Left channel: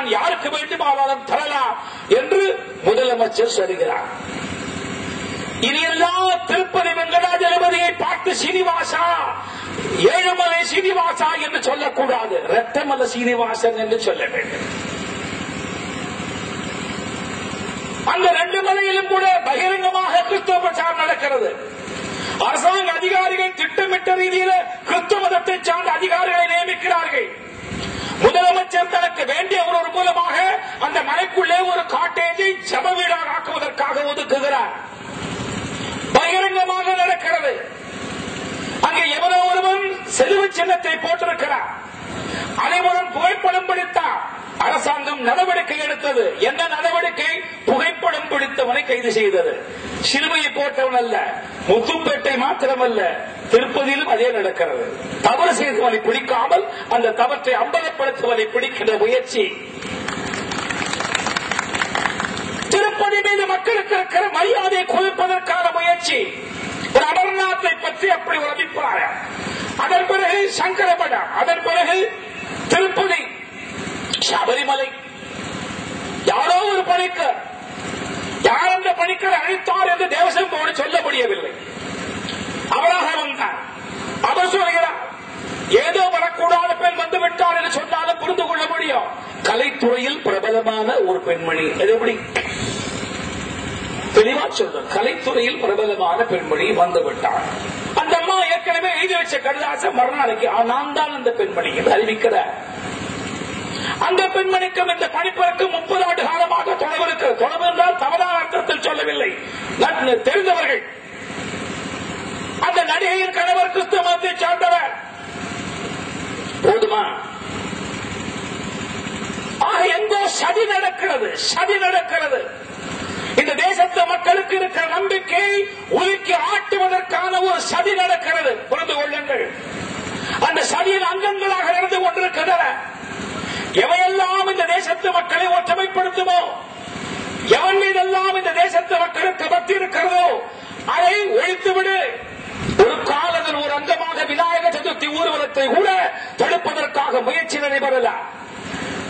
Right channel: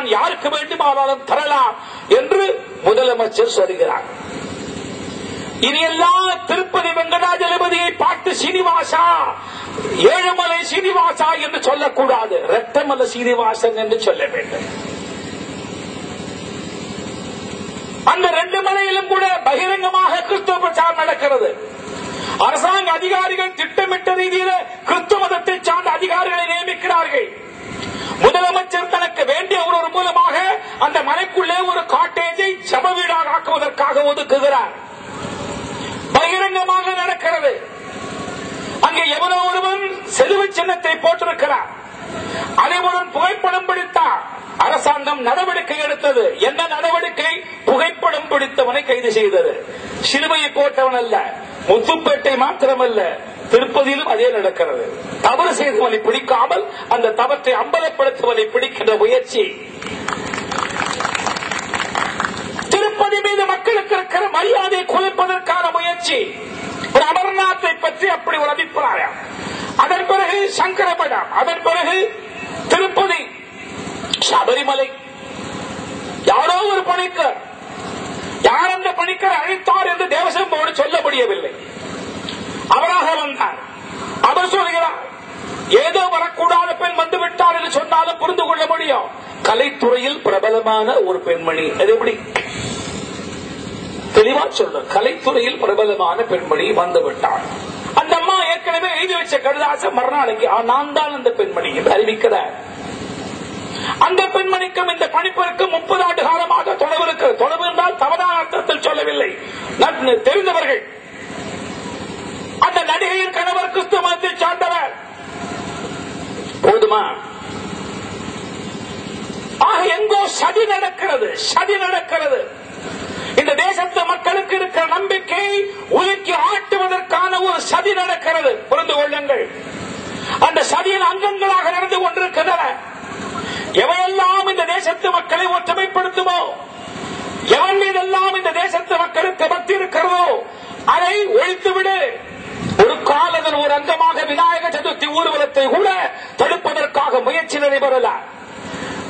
யாருக்கு வேண்டுமானாலும் தரலாம் என்று முதலமைச்சர் சொல்கிறார். இனியெல்லாம் திருப்பதி வெங்கடாஜலபதியை பார்த்து சீனிவாசா, ஏழுமலை சீனிவாசா என்று சொல்லக்கூடாது, இரட்டமலை சீனிவாசன் என்று சொல்ல வேண்டும். அந்த ரெண்டு மலையிலும் கூட பகிரங்கமாக கிறிஸ்துவ பிரச்சாரம் நடக்கிறது. அரசாங்க அதிகாரிகள் திட்டமிட்ட ரீதியில் கிறிஸ்துவ மதத்தை சார்ந்த அதிகாரிகளை நியமிக்கிறார்கள். முதலமைச்சர் தனக்கு வேண்டிய ஒரு மூலமாக அந்த மலைக்குள்ளே ஒரு காட்டேஜை ஜப வீடாக ஆக்குவதற்காக ஒதுக்குகிறார். பகிரங்கமாக நடக்கிறது. அங்கே எவரோ ஒருவன் செலுவு சின்னத்தை போட்டிருக்கிறார். அதேபோல் புகைப்படம் பிடித்தார். அரசாங்கம் நடவடிக்கை எடுத்தது. என்ன நடவடிக்கை? புகைப்படம் பிடித்தவனை கைது செய்தது. சிலுவையை போட்டவன் அல்ல, முத்துப்பேட்டை மாத்திரமல்ல, திருப்பதியிலும் அதே நடக்கிறது. தவறு செய்தவனை பிடிக்காமல் அந்த தவற்றை அம்பலப்படுத்துவதை பிடிக்கின்ற முயற்சி. திருப்பதி மீது மக்களுக்கு இருக்கிற மரியாதையை குறைப்பதற்கான முயற்சி. ஒரு அமர்நாத்தை பற்றி அப்படி ஒரு அபிப்பிராயம். அதன் பிறகு சங்கரமடம், அதன் பிறகு திருப்பதி, சபரிமலை. யாரோ ஒரு பணிக்கர், யார் அந்த பணிக்கர் அழைத்தார் என்று தேவசம் போர்டு சொல்ல முடியவில்லை. அவராக வந்தார். அவர் சொல்கிறார், ஏதோ வரக்கூடாத பெண் வந்துவிட்டார் என்று சொன்னாலும் புரிந்து கொள்ள முடியும். கலைத்துறையில் பிரபலமான ஒரு பெண்மணி. அது எப்படி தெளிவா சொல்ற? கலைத்துறையில் பிரபலமான பெண்மணி வந்துவிட்டார். அந்த அம்மா ஏற்கனவே எழுதி வச்ச கடிதாசம் மறுநாளைக்கு நான் தான் அந்த பெண்மணி என்று அறிவிக்கிறார். அந்த பெண்மணிக்கும் இந்த பணிப்பதற்கு 30 ஆண்டு காலமாக தொடர்பு இருக்கிறது. தொடர்பு என்றால் தவறான அர்த்தத்தில் சொல்லவில்லை, தெரிந்தவர்கள். அந்த நடிகையின் கணவர் கிறிஸ்துவ மதத்தை சார்ந்தவர். போதுமா? ஆக எங்கோ சதி நடக்கிறது, சதி நடக்கிறது. இந்த தேசத்து மக்களுக்கு இருக்கிற நம்பிக்கை உலுக்கி ஆட்டுவதற்கான ஒரு சதி நடக்கிறது. புரிந்து கொள்ளுங்கள். அந்த சதியின் அங்கங்களாக நடந்து கொண்டிருக்கின்றன. எவையெல்லாம் இந்த தேசத்து மக்களை ஒற்றுமைப்படுத்துமோ, எவன் மீதெல்லாம் இந்த தேசத்து மக்களுக்கு பக்தி இருக்கிறதோ அதை ஒழித்துவிடு. ஒரு காலத்தில் ஒரு அங்கமாக விநாயகர் சதுர்த்தி ஊர்வலத்தை கூட தடுப்பதற்காக முயற்சி நடைபெறல.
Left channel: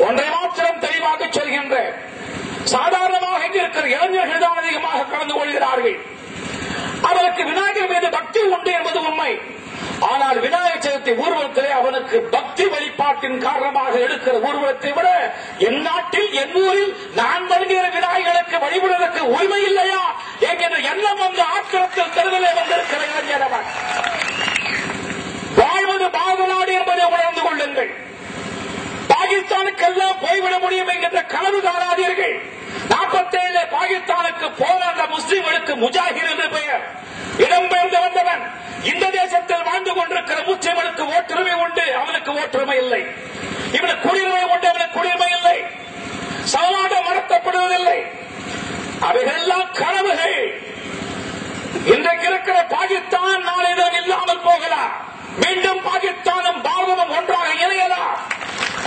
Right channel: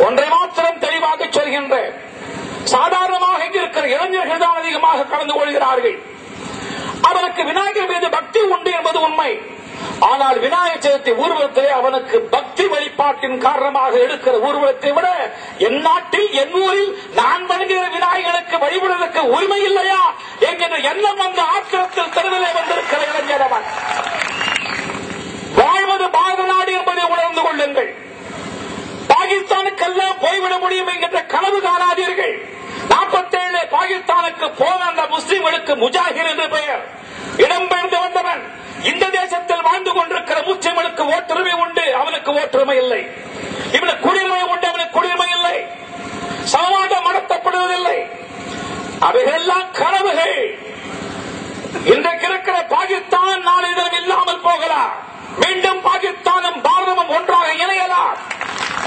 ஒன்றை மாத்திரம் தெளிவாக சொல்கின்றேன். சாதாரணமாக இருக்கிற இளைஞர்கள் தான் அதிகமாக கலந்து கொள்கிறார்கள். அவருக்கு விநாயகர் மீது பக்தி உண்டு என்பது உண்மை. ஆனால் விநாயகர் சதுர்த்தி ஊர்வலத்திலே அவனுக்கு பக்தி வழிபாட்டின் காரணமாக எடுக்கிற ஊர்வலத்தை விட என் நாட்டில், என் ஊரில் நான் வணங்குகிற விநாயகருக்கு வழிபடுவதற்கு உரிமை இல்லையா என்கிற எண்ணம் வந்து ஆத்திரத்தில் தெருவிலே வந்திருக்கிற இளைஞரவன். வாழ்வது பாரத நாடு என்பதை உணர்ந்து கொள்ளுங்கள். பாகிஸ்தானுக்கெல்லாம் போய்விட முடியும் என்கின்ற கனவு காணாதீர்கள். 47 பாகிஸ்தானுக்கு போன அந்த முஸ்லிம்களுக்கு முஜாஹிர் என்று பெயர். இடம்பெயர்ந்து வந்தவன் இந்த தேசத்தில் வாழ்ந்து கொண்டிருக்கிற முஸ்லிம்களுக்கு ஓட்டுரிமை உண்டு, அவனுக்கு ஓட்டுரிமை இல்லை. இவனுக்கு குடியுரிமை உண்டு, அவனுக்கு குடியுரிமை இல்லை. சமவாதம் நடத்தப்படுவதில்லை. அவைகளெல்லாம் கனவுகள். இன்றைக்கு இருக்கிற பாகிஸ்தான் நாளை தினம் இல்லாமல் போகலாம். மீண்டும் பாகிஸ்தானும் பாரதமும் ஒன்றாக இணையலாம்.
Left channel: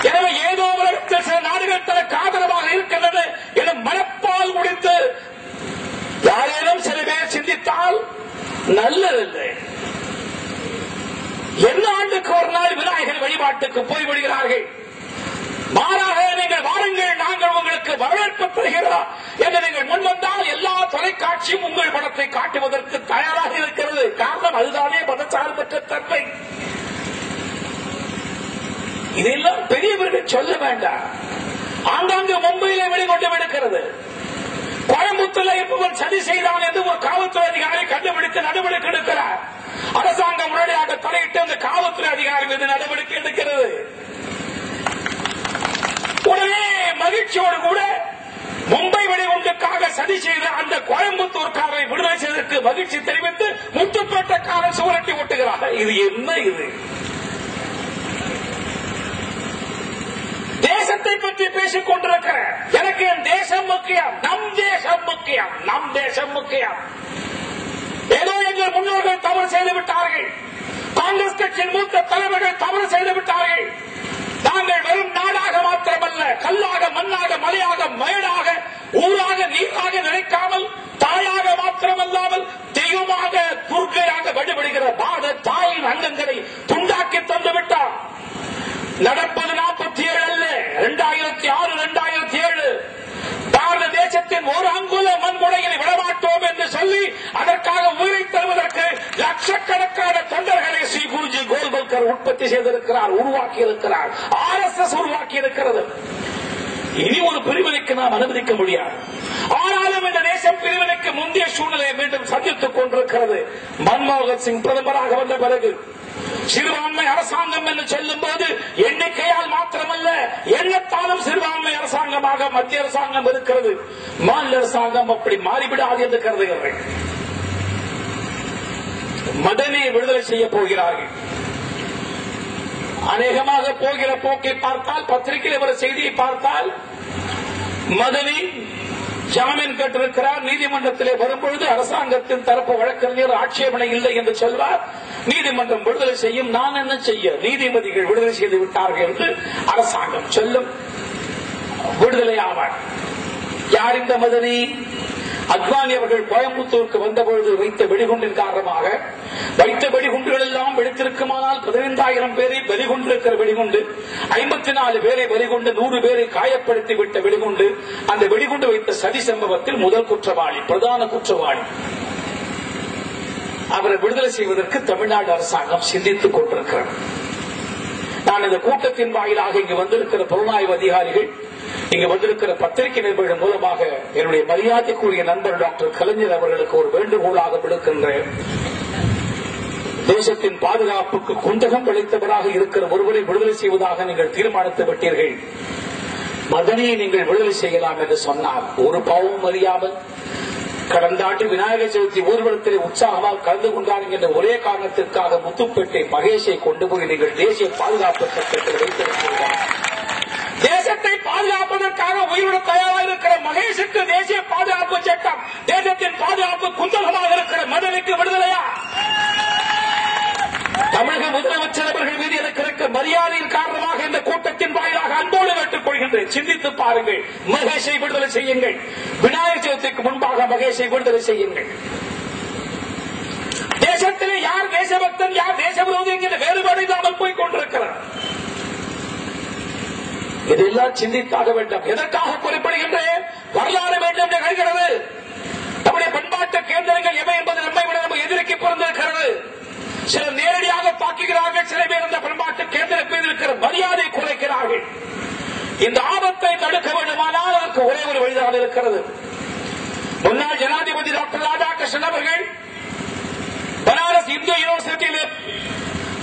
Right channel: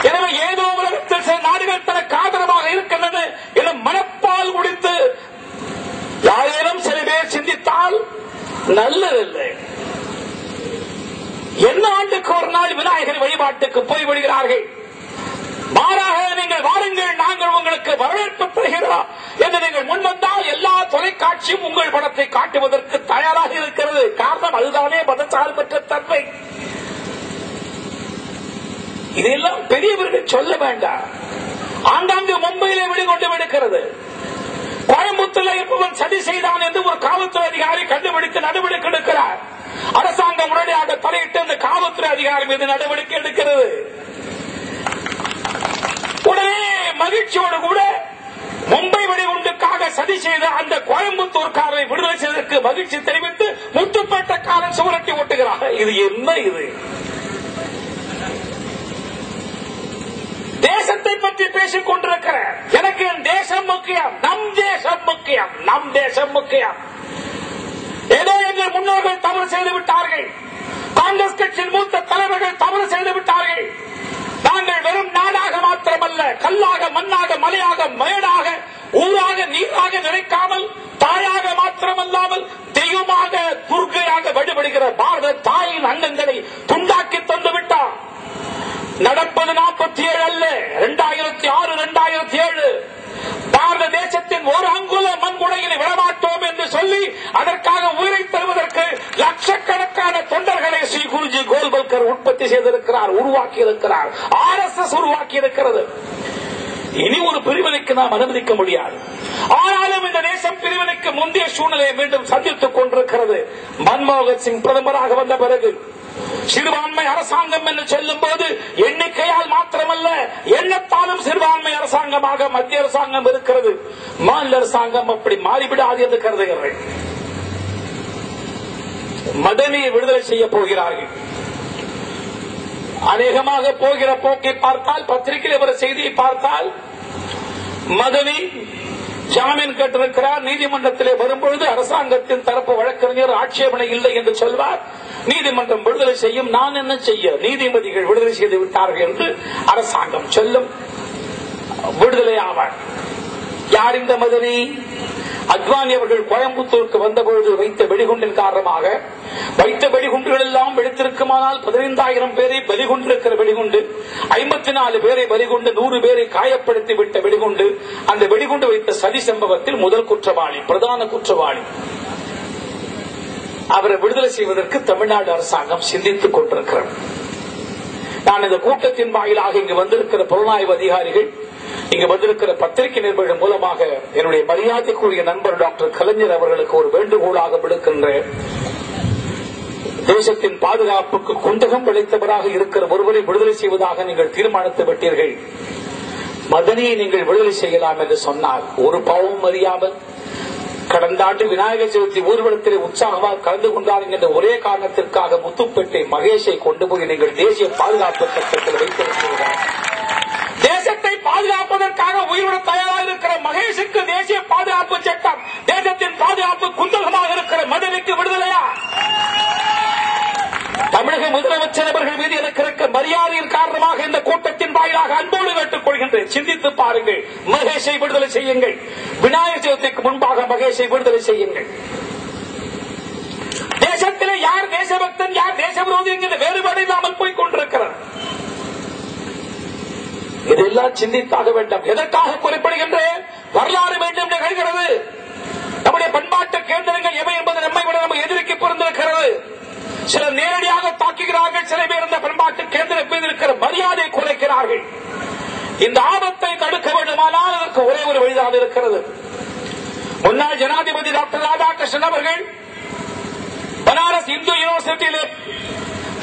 எனவே ஏதோ உலகத்தில் சில நாடுகள் தனக்கு ஆதரவாக இருக்கின்றன என மனப்பால் குடித்து யாரேனும் சில பேர் சிந்தித்தால் நல்லதில்லை. என்ன ஆண்டுக்கு ஒரு நாள் விநாயகர் வழிபாட்டுக்கு போய்விடுகிறார்கள். மாறாக நீங்கள் வாருங்கள், நாங்கள் உங்களுக்கு வரவேற்பு தருகிறோம் என்று நீங்கள் முன்வந்தால் எல்லா தொலைக்காட்சியும் உங்கள் படத்தை காட்டுவதற்கு தயாராக இருக்கிறது. காரணம் அதுதானே மதச்சார்பற்ற தன்மை. இதெல்லாம் பெரியவர்கள் சொல்ல வேண்டாம். ஆங்காங்கு மும்பையிலே வெளிக்கொண்டு விடுக்கிறது. கோயம்புத்தூரில் இருப்பவன் சதி செய்தான் என்று ஒரு காவல்துறை அதிகாரி கண்டுபிடித்து நடவடிக்கை எடுக்கிறார். அரசாங்கம் உடனடியாக தலையிட்டு அந்த காவல்துறை அதிகாரி மீது நடவடிக்கை எடுக்கிறது. உடனே மகிழ்ச்சியோடு கூட மும்பை வெடிகுண்டுக்காக சதி செய்த அந்த கோயம்புத்தூர்காரரை விடுதலை செய்வதற்கு மகிழ்ச்சி தெரிவித்து முத்துப்பேட்டைக்காரன் சுவரட்டி ஓட்டுகிறார். இது என்ன? இது தேசத்தை பற்றி பேசிக் கொண்டிருக்கிற எனக்கு என் தேசம் முக்கியம், நம் தேசம் முக்கியம், நம் தேசம் முக்கியம். ஏதோ எங்கள் முன்னோர்கள் தவறு செய்து விட்டார்கள். காங்கிரஸ் கட்சியின் மூத்த தலைவர்கள் தவறு செய்து விட்டார்கள். நாங்கள் வெறும் நாடாக மாத்திரமல்ல, கல்லாக, மண்ணாக, மலையாக, மயடாக, ஊராக, நீராக நினைக்காமல் தாயாக மாத்திரமல்லாமல் தெய்வமாக, துர்க்கையாக வழிபடுகிற பாரத தாயின் அங்கங்களை துண்டாக்கி தந்து விட்டார். நடப்பது 47 அல்ல, 2006 ஏற்படுத்தி செய்திருக்கிறார், உருவாக்கி இருக்கிறார். RSS உருவாக்கி இருக்கிறது. இனி ஒரு பிரிவினைக்கு நாம் அனுமதிக்க முடியாது. ஆனாலும் இந்த தேசம் பிரிவினைக்கு முந்தைய சூழ்நிலையை மீண்டும் சந்தித்துக் கொண்டிருக்கிறது. மன்மோகன் சிங் பிரதமராக வந்த பிறகு சிறுபான்மை அரசாங்கம் என்று சொல்லும் போது எண்ணிக்கையால் மாத்திரமல்ல, எண்ணத்தாலும் சிறுபான்மை அரசாங்கமாக மத்திய அரசாங்கம் இருக்கிறது. மாநில அரசாங்கம் அப்படி மாறிவிடாது என்று கருதுகிறார்கள். மதனியை விடுதலை செய்ய போகிறார்கள். அநேகமாக போகிற போக்கை பார்த்தால், பத்திரிகையில் ஒரு செய்தியை பார்த்தால், மதனி ஜாமீன் கேட்டிருக்கிறார். நீதிமன்றத்திலே வரும்பொழுது அரசாங்கத்தின் தரப்பு வழக்கறிஞர் ஆட்சேபனை இல்லை என்று சொல்வார். நீதிமன்றம் விடுதலை செய்யும். நான் என்ன செய்ய, நீதிபதிகள் விடுதலை செய்து விட்டார்கள் என்று அரசாங்கம் சொல்லும். விடுதலை ஆவார். யார் இந்த மதனி? அத்வானி அவர்கள் கோயம்புத்தூருக்கு வந்தபொழுது வைத்த வெடிகுண்டின் காரணமாக, வைத்த வெடிகுண்டுகள் எல்லாம் வெடித்திருக்குமானால் 15,000 பேரை பலிகொண்டிருக்கிற வெடிகுண்டு, 54 பேரை பலிகொண்டு 100 பேரை காயப்படுத்தி விட்ட வெடிகுண்டு, அந்த வெடிகுண்டு வைத்த சதி சம்பவத்தில் முதல் குற்றவாளி, பிரதான குற்றவாளி. அவரை விடுதலை செய்வதற்கு தமிழ்நாடு அரசாங்கம் சிந்தித்துக் கொண்டிருக்கிறது. நான் இந்த கூட்டத்தின் வாயிலாக இங்கு வந்திருக்கிற புலனாய்வு அதிகாரிகள், இங்கு வந்திருக்கிற பத்திரிகை நிருபர்கள் மூலமாக என்னுடைய மரியாதைக்குரிய நண்பர் டாக்டர் கலைஞர் அவர்களுக்கு ஒரு வேண்டுகோளாக விடுக்கின்றேன். தேசத்தின் பாதுகாப்புக்கு குந்தகம் விளைத்தவராக இருக்கிற ஒருவரை விடுதலை செய்வதாக நீங்கள் தீர்மானித்து விட்டீர்கள். மதனியை நீங்கள் விடுதலை செய்யலாம் என்று சொன்னால், ஒரு பாவம் அறியாமல் கடந்த ஆண்டு விநாயகர் சதுர்த்தி ஊர்வலத்திலே உற்சாகமாக கலந்து கொண்டார்கள் என்ற ஒரே காரணத்திற்காக முத்துப்பேட்டை மகேஷை கொண்டு போய் நீங்கள் தேசிய பாதுகாப்பு சட்டத்தில் வைத்திருக்கிறீர்கள். தேசத்தை பாதுகாப்பதற்காக உயிரிழ தயாராக இருக்கிற மகேஷுக்கு தேசிய பாதுகாப்பு சட்டம் தேசத்தின் பாதுகாப்பு குந்தகமாக இருக்கிற மதனிக்கு விடுதலையா? தமிழக முதலமைச்சர் அவர்கள் மீது எனக்கு இருக்க மரியாதையின் காரணமாக இந்த கூட்டத்தின் வாயிலாக அன்போடு கேட்டுக் கொள்கின்றேன். சிந்தித்து பாருங்கள். மகேஷை விடுதலை செய்யுங்கள். விநாயகர் சதுர்த்திக்கு முன்பாக மகேஷை விடுதலை செய்யுங்கள். தேசத்திலே யார் தேசபக்தன், யார் தேச விரோதி என்கிற வேறுபாடு இல்லாமல் போய் கொண்டிருக்கிறார். இதெல்லாம் சிந்தித்தாக வேண்டும். எதற்காக குறிப்பிடுகின்றேன்? வரலாறு வேண்டும் என்று கேட்கிறது. நம்முடைய பண்பாட்டு கேந்திரங்கள் எவை என்பது நம்மை விட நம்ம எதிர்க்கு பிறந்திருக்கிறது. சிலர் நேரடியாக தாக்குகிறார்கள், சில பேர் இந்த பண்பாட்டு கேந்திரத்தின் மீது இருக்கிற மரியாதை குறைக்கிறார்கள். இந்த ஆபத்தை தடுக்க வேண்டுமானால் அதற்கு ஒரே ஒரு வழிதான் இருக்கிறது. முன்னாள் ஜனாதிபதி டாக்டர் ராதாகிருஷ்ணன் அவர்கள் பனாரஸ் இந்து யூனிவர்சிட்டியில்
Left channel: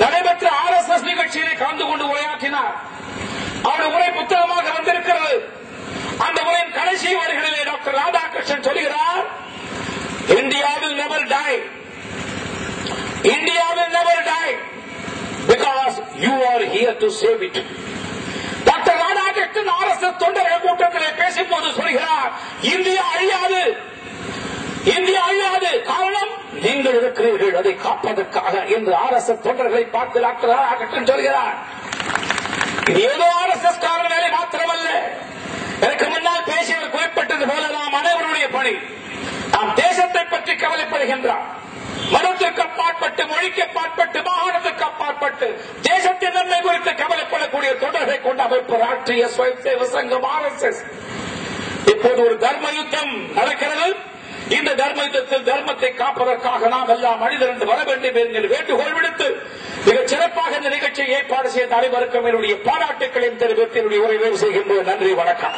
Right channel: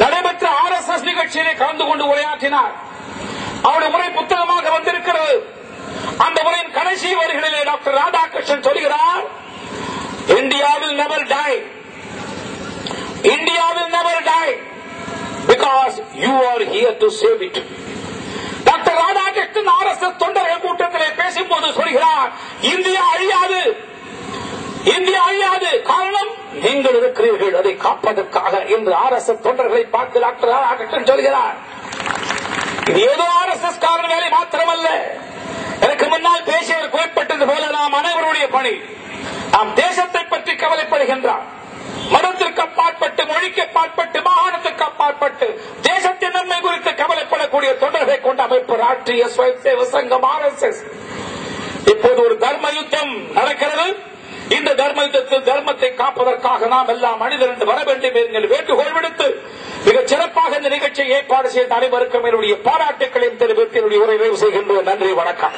நடைபெற்ற RSS நிகழ்ச்சியிலே கலந்து கொண்டு உரையாற்றினார். அவருடைய உரை புத்தகமாக வந்திருக்கிறது. அந்த உரையின் கடைசி வரிகளிலே டாக்டர் ராதாகிருஷ்ணன் சொல்கிறார், India will never die. India will never die because you are here to save it. Doctor Radhakrishnan RSS தொண்டர்கள் கூட்டத்திலே பேசும்போது சொல்கிறார், இந்தியா அழியாது, இந்தியா அழியாது. காரணம் நீங்கள் இருக்கிறீர்கள் அதை காப்பதற்காக என்று RSS தொண்டர்களை பார்த்து டாக்டர் ராதாகிருஷ்ணன் சொல்கிறார். இது ஏதோ RSS காரண வேலை மாத்திரமல்ல. எனக்கு முன்னால் பேசியவர் குறிப்பிட்டது போல நாம் அனைவருடைய பணி. நாம் தேசத்தை பற்றி கவலைப்படுகின்றார். மதத்திற்கு அப்பாற்பட்டு, மொழிக்கு அப்பாற்பட்டு, மாகாணத்திற்கு அப்பாற்பட்டு தேசத்தின் நன்மை குறித்து கவலைப்படக்கூடிய தொடர்பை கொண்ட அமைப்பு ராஷ்டிரிய ஸ்வயம்சேவ சங்கம் RSS. இப்போது ஒரு தர்ம யுத்தம் நடக்கிறது. இந்த தர்ம யுத்தத்தில் தர்மத்தை காப்பதற்காக நாம் எல்லாம் மனிதர்கள் வர வேண்டும் என்கிற வேண்டுகோள் விடுத்து மிகச் சிறப்பாக இந்த நிகழ்ச்சியை ஏற்பாடு செய்த அனைவருக்கும் என்னுடைய பாராட்டுக்களையும் தெரிவித்து என்னுடைய உரை நிறைவு செய்கின்றேன். நன்றி, வணக்கம்.